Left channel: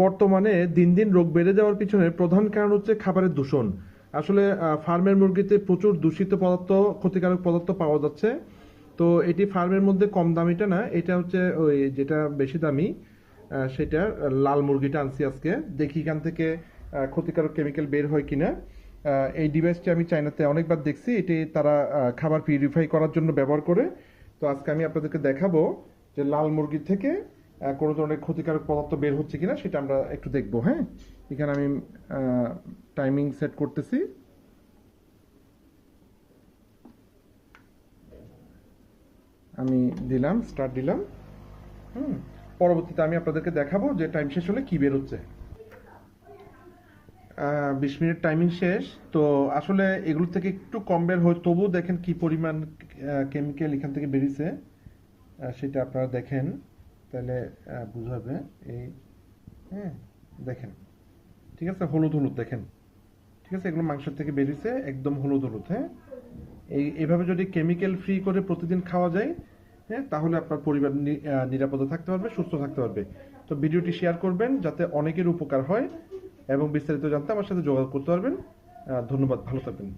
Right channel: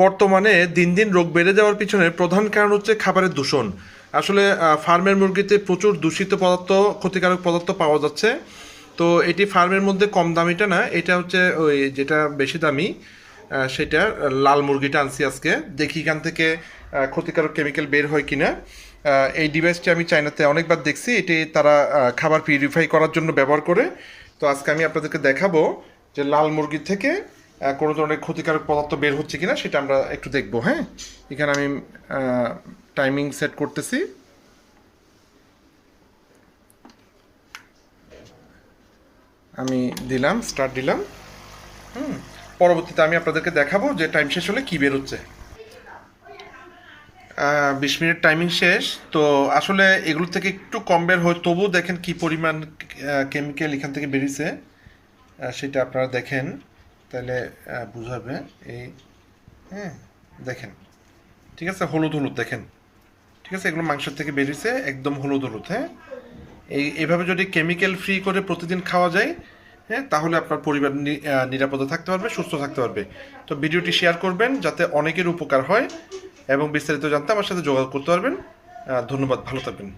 বর্তমানে দিন দিন রোগ বেড়ে যাওয়ার পিছনে প্রধান কারণ হচ্ছে খাবারের দূষণ। আসলে ফার্মের মুরগিতে প্রচুর দূষিত পদার্থ, ক্ষতিকারক পদার্থ পাওয়া যাচ্ছে। তো এটি ফার্মের মধ্যে কম দামিটা না, এটা হচ্ছে ওই যেটা বেশি দামি, সেটা লাল মুরগিটা আনছি আজকে। দেখি এখান থেকে ক্ষতিকারক কেমিক্যাল বের হয় কিনা। এই ডিভাইসটি আমি চায়নাতে অনেকবার দেখছি, এটি তারা খাবার পিউরিফাই করার জন্য ব্যবহার করে। তো আজকে আমি আপনাদেরকে দেখাবো যে লাল মুরগি থেকে কোনো ধরনের ক্ষতিকারক পদার্থ বের হচ্ছে কিনা, সেটা আমরা একটু দেখবো। হ্যাঁ, এখানে আমি টাইমিং সেট করতেছি। আমি দিলাম, স্টার্ট দিলাম। পরবর্তীতে আমি আপনাদেরকে দেখাবো যে টাইম শেষ হলে কী বের হচ্ছে। 20 মিনিট টাইমিং শেষ। তো আসলে এগুলো থেকে একটু কম বের হয়, তবুও দেখেন কি পরিমাণ কেমিক্যাল এখান থেকে বেরিয়েছে, সেটা আপনারা দেখেন তাহলে বুঝাবে। এই, হ্যাঁ, দেখেন, ঠিক আছে, হলুদ হলুদ দেখেন, ঠিক আছে, এগুলো মাংসের থেকে বেরিয়েছে একদম হলুদ হলুদ। হ্যাঁ, এইভাবে যদি কেমিক্যাল ফ্রি করে প্রতিদিন খাওয়া যায়, হ্যাঁ, তাহলে আপনার পরিবার নিরাপদে থাকতে পারবে, সুস্থ থাকতে পারবে। তো ভিডিওটি শেয়ার করবেন যাতে অনেকের উপকার হয়, এবং বিস্তারিত জানতে আমার সাথে যোগাযোগ করতে পারবেন। ধন্যবাদ, ভালো থাকবেন।